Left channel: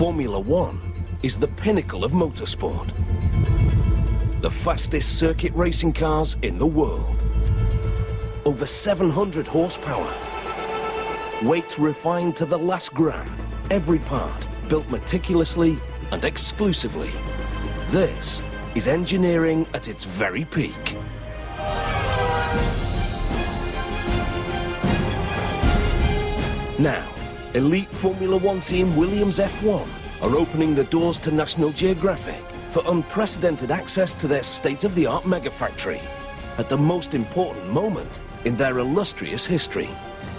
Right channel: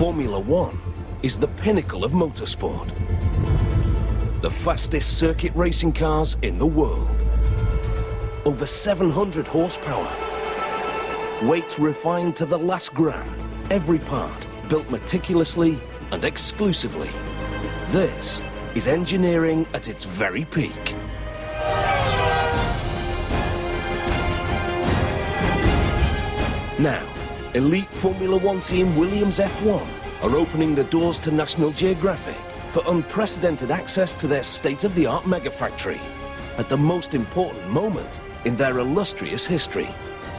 Formula One is the pinnacle of motorsport. The fastest circuit racing cars in the world. Over 700 horsepower. Weight refined to the last gram. Every part built meticulously and exclusively. This is engineering at its very peak. Now, elite Formula One team Williams F1 are opening the doors to National Geographic for unprecedented access to their state-of-the-art megafactory at the most important moment in their illustrious history.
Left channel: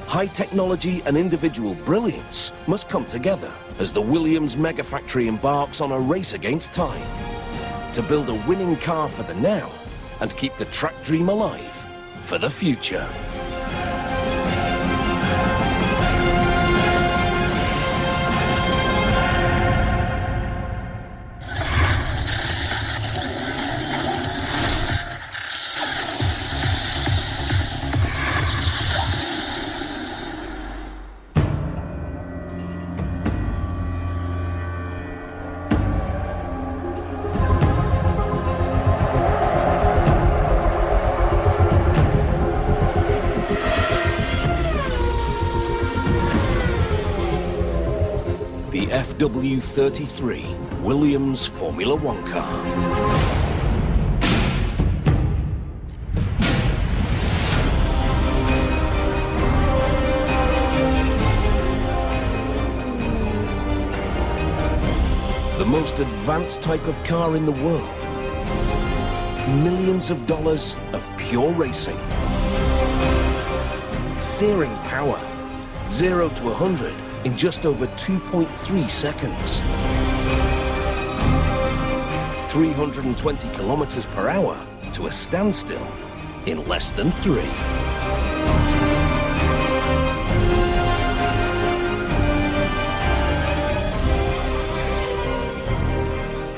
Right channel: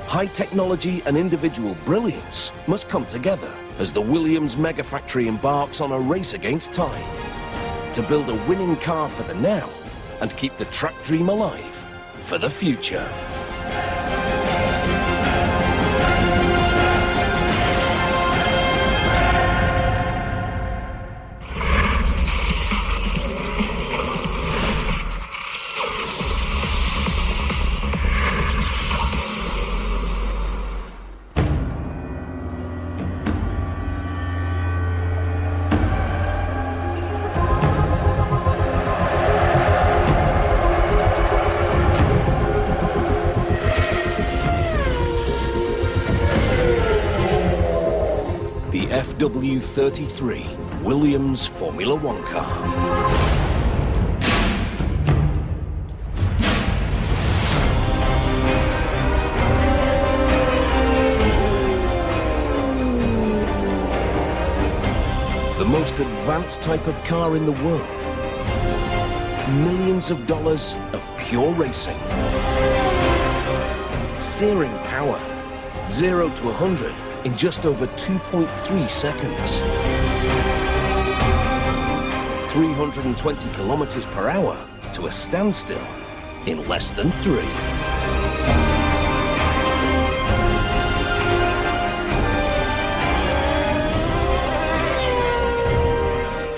High technology and individual brilliance must come together as the Williams Megafactory embarks on a race against time to build a winning car for the now and keep the track dream alive for the future. The FW33 Williams Formula One car. The most advanced type of car in the world. Millions of dollars of pure racing. Searing power. 0 to 100 in just over 2.3 seconds. 320 kilometers per hour to a standstill in less than 3.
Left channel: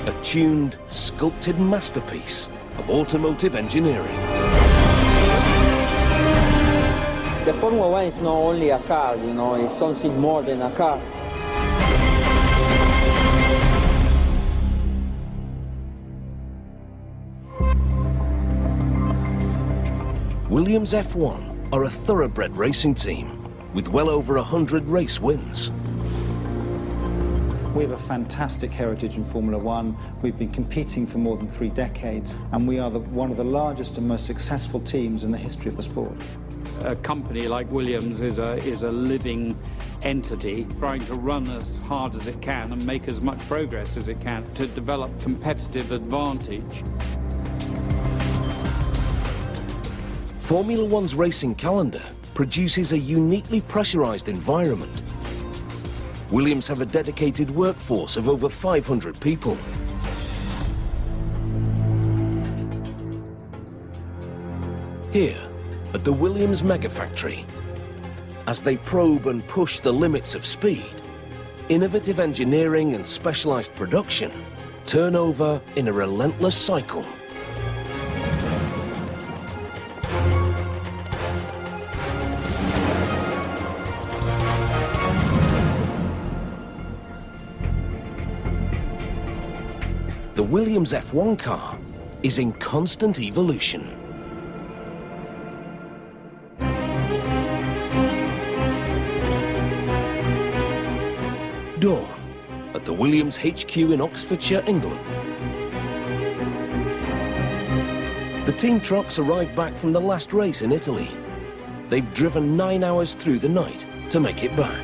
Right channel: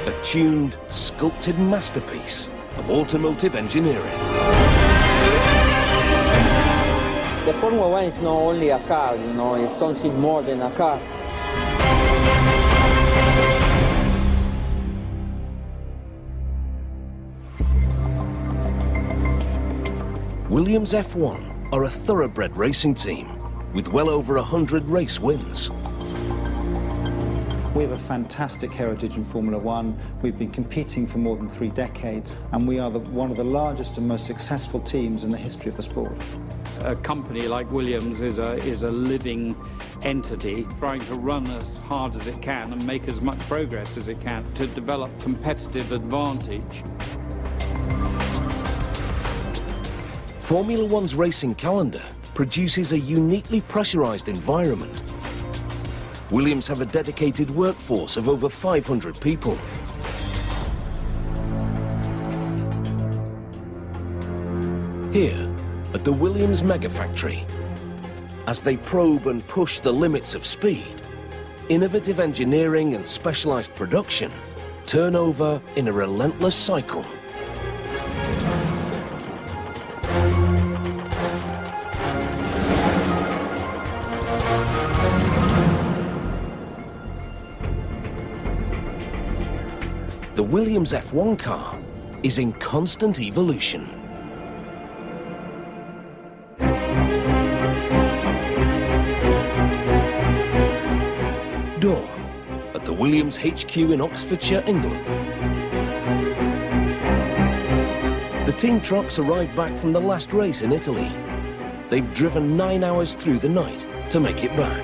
A tuned, sculpted masterpiece of automotive engineering. The Formula One is not only a car, you know, it's something more than a car. Williams F1 are a thoroughbred racing team with well over 100 race wins. We have a fantastic heritage in Formula One. We've been competing for more than 3 decades, and we are one of the largest and most successful teams in the history of the sport. A company like Williams is a living entity trying to run as hard as it can and make as much progress as it can to develop competitive advantage. Formula One's racing calendar produces a uniquely pressurized environment. Williams have a dedicated workforce of over 500 people. Here, at the Williams Megafactory, as they probe and push the limits of speed, innovative engineering and specialized production turn over in a relentless cycle. The Williams F1 car is in constant evolution. Dawn at the Williams HQ in Oxfordshire, England. The team trucks arrived back from the last race in Italy. They've driven 9 hours through the night to make it back.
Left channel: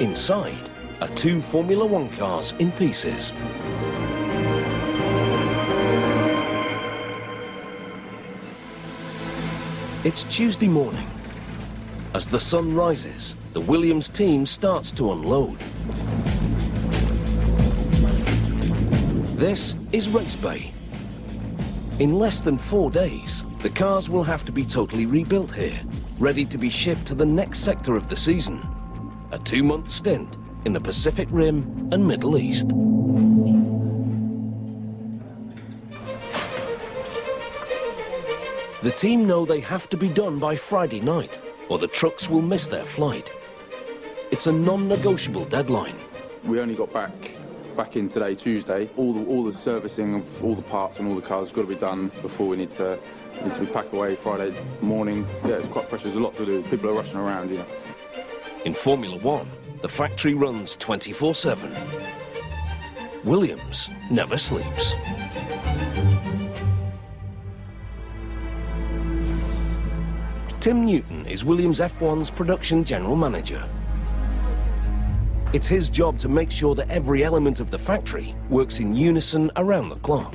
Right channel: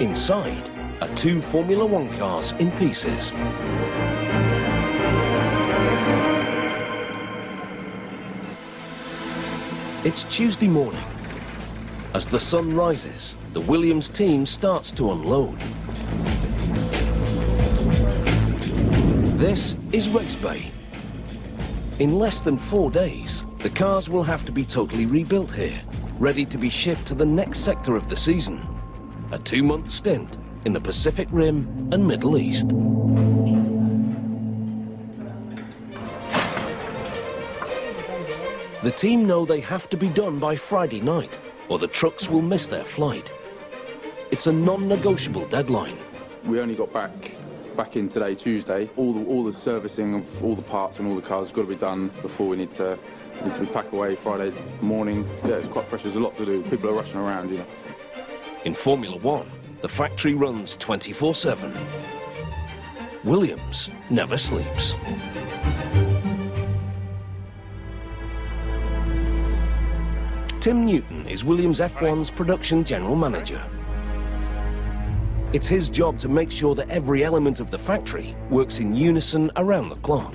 Inside are 2 Formula One cars in pieces. It's Tuesday morning. As the sun rises, the Williams team starts to unload. This is Race Bay. In less than 4 days, the cars will have to be totally rebuilt here, ready to be shipped to the next sector of the season, a 2-month stint in the Pacific Rim and Middle East. The team know they have to be done by Friday night, or the trucks will miss their flight. It's a non-negotiable deadline, We only got back in today, Tuesday. All the servicing of all the parts and all the cars has got to be done before we need to be packed away Friday morning. Yeah, it's quite pressure. There's a lot to do. People are rushing around, you know. In Formula One, the factory runs 24/7. Williams never sleeps. Tim Newton is Williams F1's production general manager. It's his job to make sure that every element of the factory works in unison around the clock.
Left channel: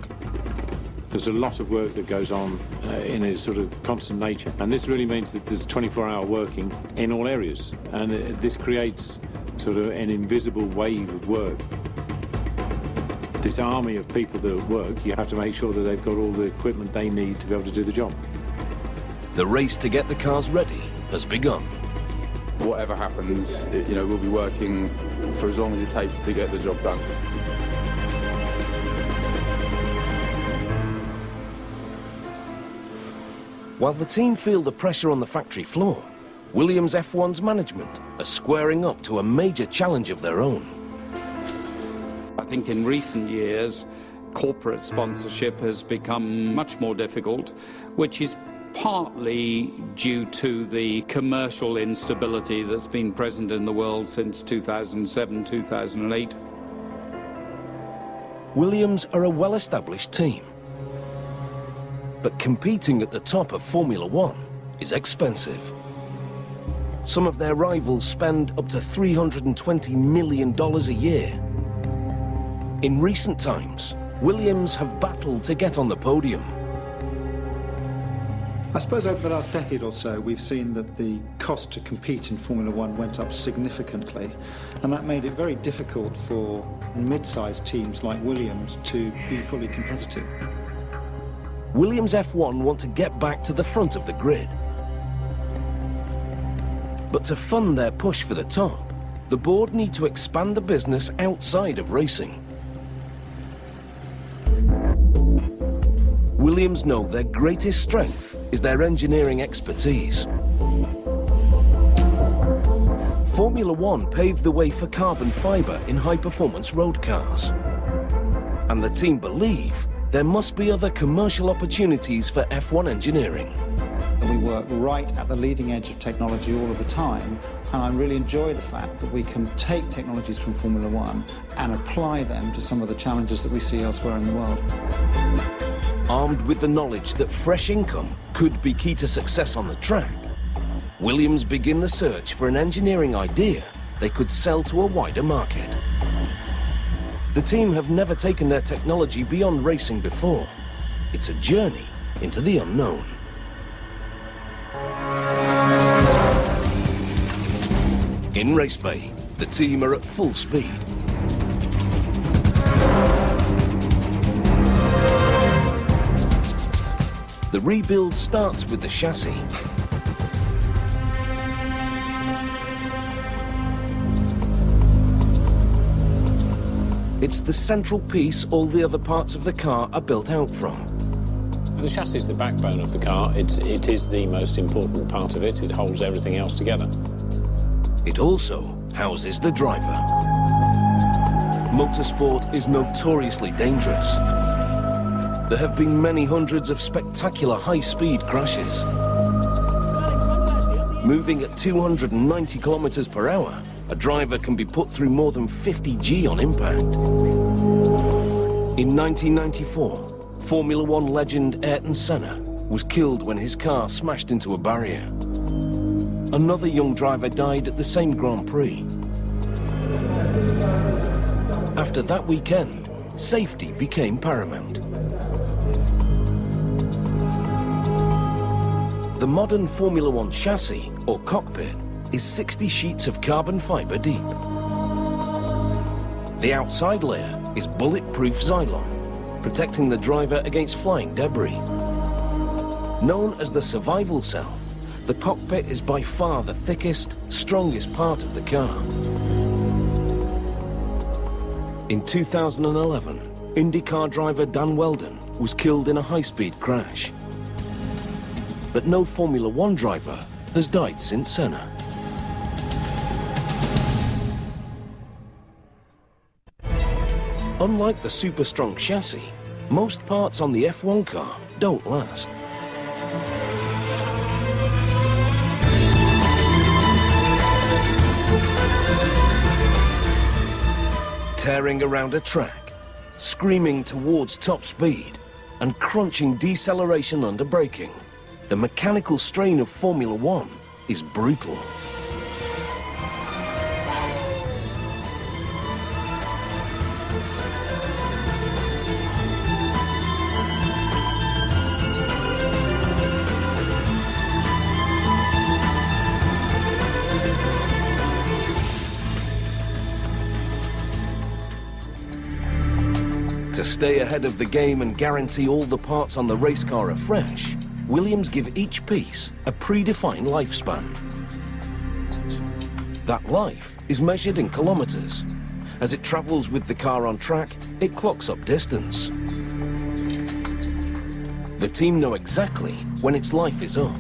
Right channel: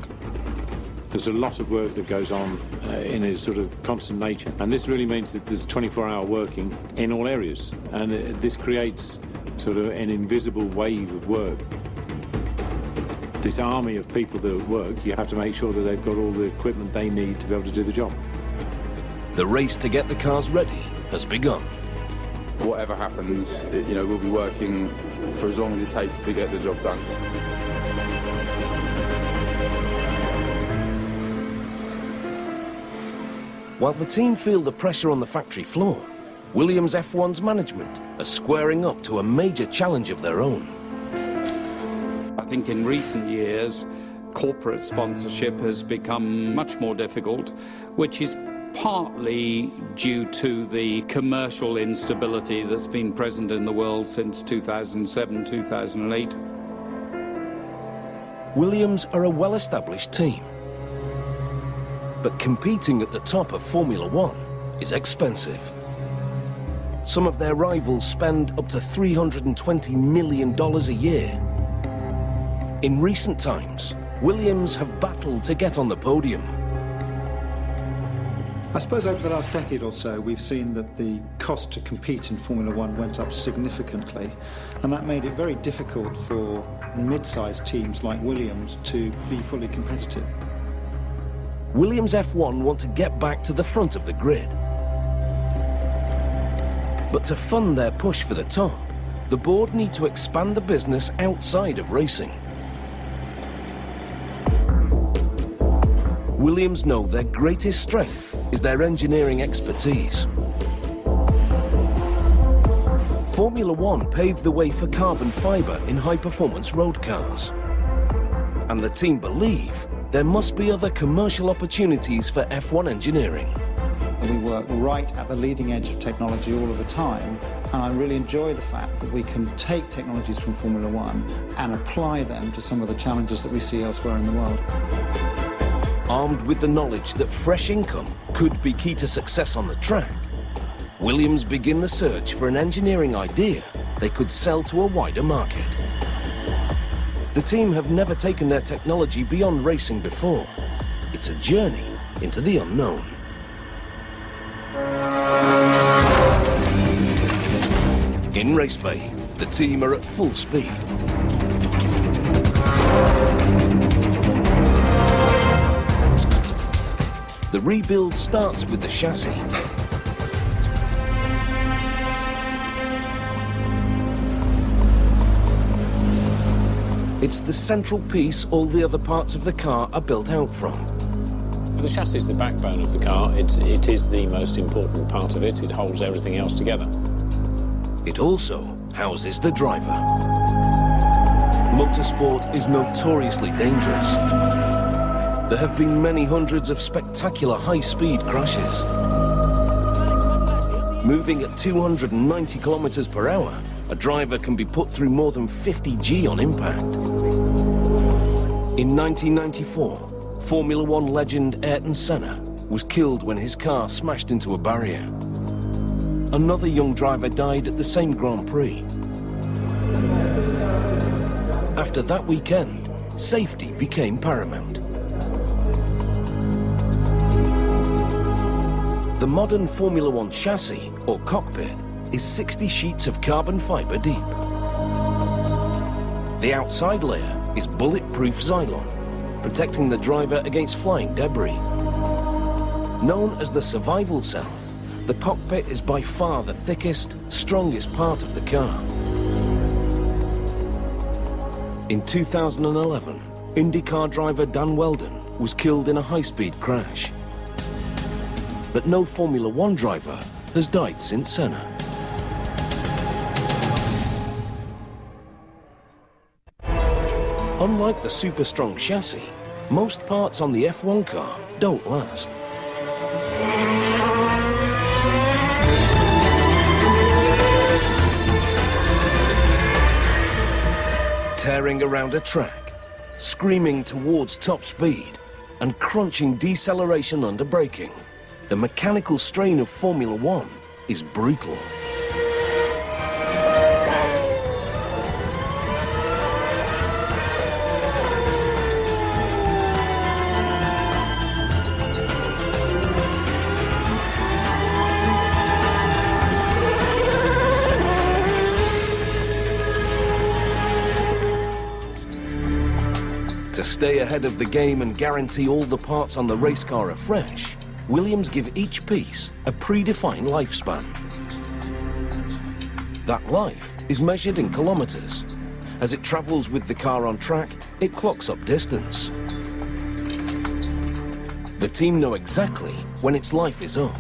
There's a lot of work that goes on in a sort of constant nature, and this really means that there's 24-hour working in all areas, and this creates sort of an invisible wave of work. This army of people that work, you have to make sure that they've got all the equipment they need to be able to do the job. The race to get the cars ready has begun. Whatever happens, you know, we'll be working for as long as it takes to get the job done. While the team feel the pressure on the factory floor, Williams F1's management are squaring up to a major challenge of their own. I think in recent years, corporate sponsorship has become much more difficult, which is partly due to the commercial instability that's been present in the world since 2007, 2008. Williams are a well-established team, but competing at the top of Formula One is expensive. Some of their rivals spend up to $320 million a year. In recent times, Williams have battled to get on the podium. I suppose over the last decade or so, we've seen that the cost to compete in Formula One went up significantly, and that made it very difficult for mid-sized teams like Williams to be fully competitive. Williams F1 want to get back to the front of the grid. But to fund their push for the top, the board need to expand the business outside of racing. Williams know their greatest strength is their engineering expertise. Formula One paved the way for carbon fibre in high-performance road cars. And the team believe there must be other commercial opportunities for F1 engineering. We work right at the leading edge of technology all of the time, and I really enjoy the fact that we can take technologies from Formula One and apply them to some of the challenges that we see elsewhere in the world. Armed with the knowledge that fresh income could be key to success on the track, Williams begin the search for an engineering idea they could sell to a wider market. The team have never taken their technology beyond racing before. It's a journey into the unknown. In Race Bay, the team are at full speed. The rebuild starts with the chassis. It's the central piece all the other parts of the car are built out from. The chassis is the backbone of the car. It is the most important part of it. It holds everything else together. It also houses the driver. Motorsport is notoriously dangerous. There have been many hundreds of spectacular high-speed crashes. Moving at 290 kilometers per hour, a driver can be put through more than 50 G on impact. In 1994, Formula One legend Ayrton Senna was killed when his car smashed into a barrier. Another young driver died at the same Grand Prix. After that weekend, safety became paramount. The modern Formula One chassis, or cockpit, is 60 sheets of carbon fibre deep. The outside layer is bulletproof Xylon, protecting the driver against flying debris. Known as the survival cell, the cockpit is by far the thickest, strongest part of the car. In 2011, IndyCar driver Dan Wheldon was killed in a high-speed crash. But no Formula One driver has died since Senna. Unlike the super-strong chassis, most parts on the F1 car don't last. Tearing around a track, screaming towards top speed, and crunching deceleration under braking, the mechanical strain of Formula One is brutal. To stay ahead of the game and guarantee all the parts on the race car are fresh, Williams give each piece a predefined lifespan. That life is measured in kilometers. As it travels with the car on track, it clocks up distance. The team know exactly when its life is up.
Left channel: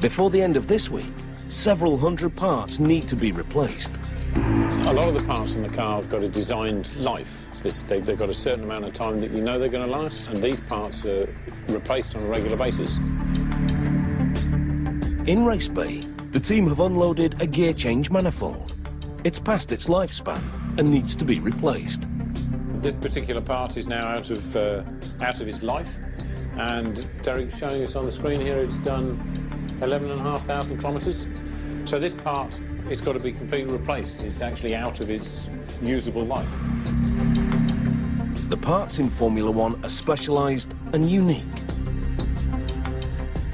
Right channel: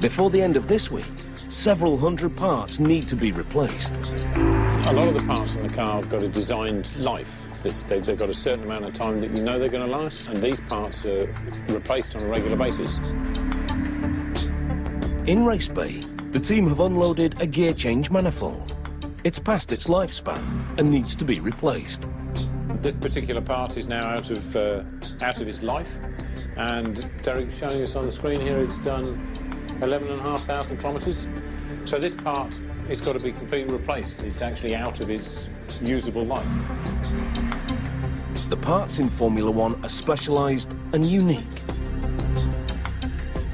Before the end of this week, several hundred parts need to be replaced. A lot of the parts in the car have got a designed life. They've got a certain amount of time that you know they're going to last, and these parts are replaced on a regular basis. In Race Bay, the team have unloaded a gear change manifold. It's past its lifespan and needs to be replaced. This particular part is now out of its life, and Derek's showing us on the screen here it's done 11,500 kilometres. So this part, it's got to be completely replaced. It's actually out of its usable life. The parts in Formula One are specialised and unique.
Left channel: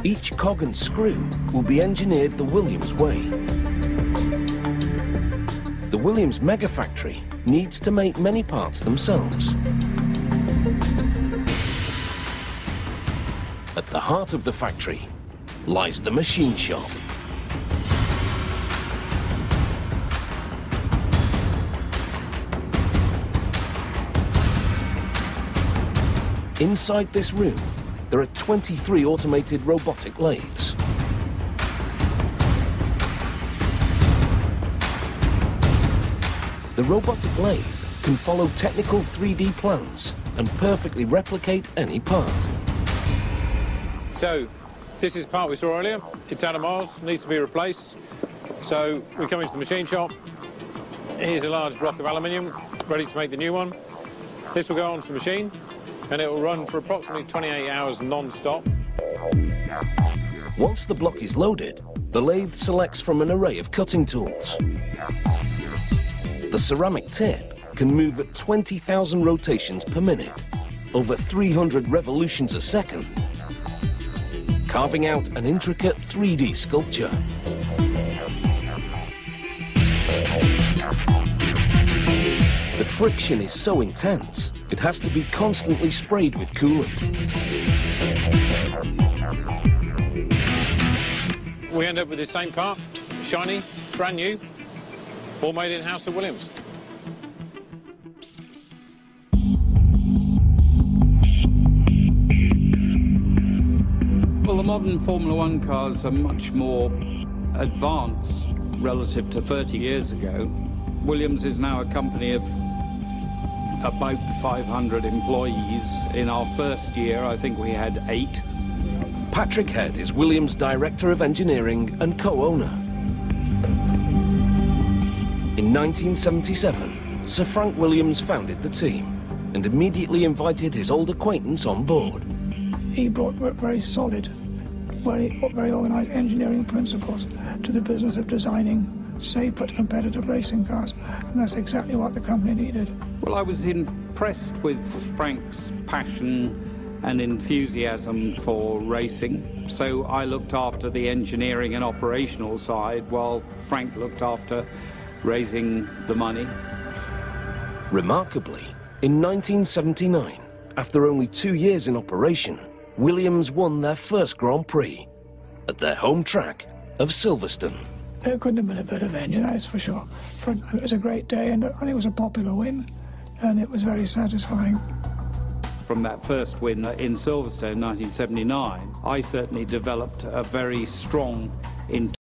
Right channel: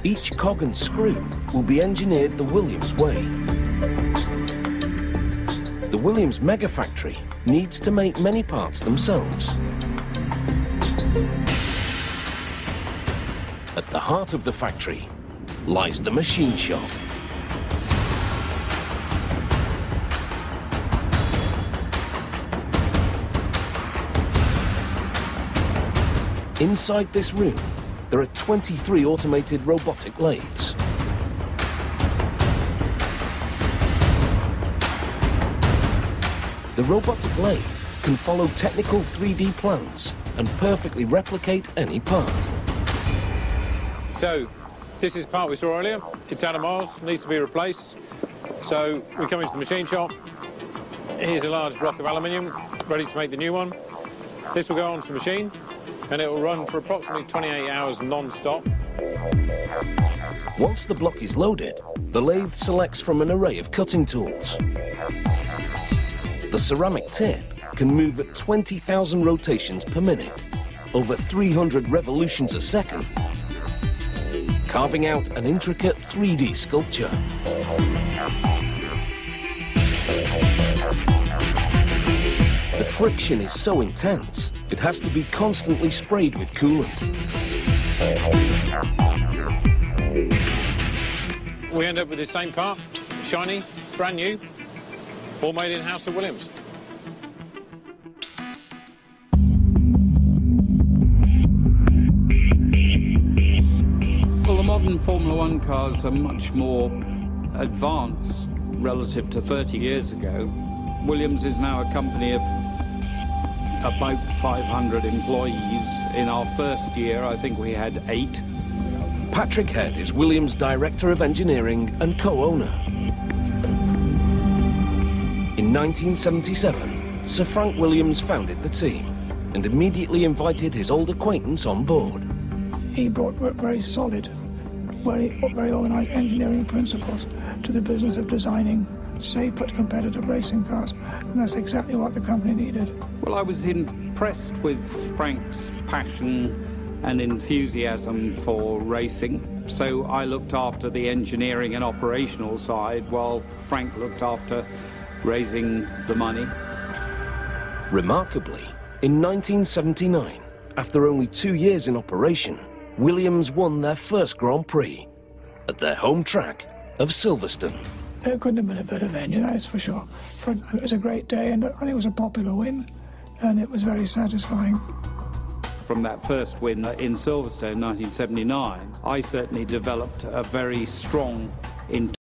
Each cog and screw will be engineered the Williams way. The Williams Megafactory needs to make many parts themselves. At the heart of the factory lies the machine shop. Inside this room, there are 23 automated robotic lathes. The robotic lathe can follow technical 3D plans and perfectly replicate any part. So, this is the part we saw earlier. It's out of miles, needs to be replaced. So, we come into the machine shop. Here's a large block of aluminium, ready to make the new one. This will go onto the machine, and it will run for approximately 28 hours non-stop. Once the block is loaded, the lathe selects from an array of cutting tools. The ceramic tip can move at 20,000 rotations per minute, over 300 revolutions a second, carving out an intricate 3D sculpture. The friction is so intense, it has to be constantly sprayed with coolant. We end up with the same part, shiny, brand new, all made in-house at Williams. Well, the modern Formula One cars are much more advanced relative to 30 years ago. Williams is now a company of about 500 employees. In our first year, I think we had 8. Patrick Head is Williams' Director of Engineering and co-owner. In 1977, Sir Frank Williams founded the team and immediately invited his old acquaintance on board. He brought very solid, very organised engineering principles to the business of designing safe but competitive racing cars, and that's exactly what the company needed. Well, I was impressed with Frank's passion and enthusiasm for racing, so I looked after the engineering and operational side while Frank looked after raising the money. Remarkably, in 1979, after only 2 years in operation, Williams won their first Grand Prix at their home track of Silverstone. It couldn't have been a better venue, that's for sure. It was a great day, and I think it was a popular win, and it was very satisfying. From that first win in Silverstone, 1979, I certainly developed a very strong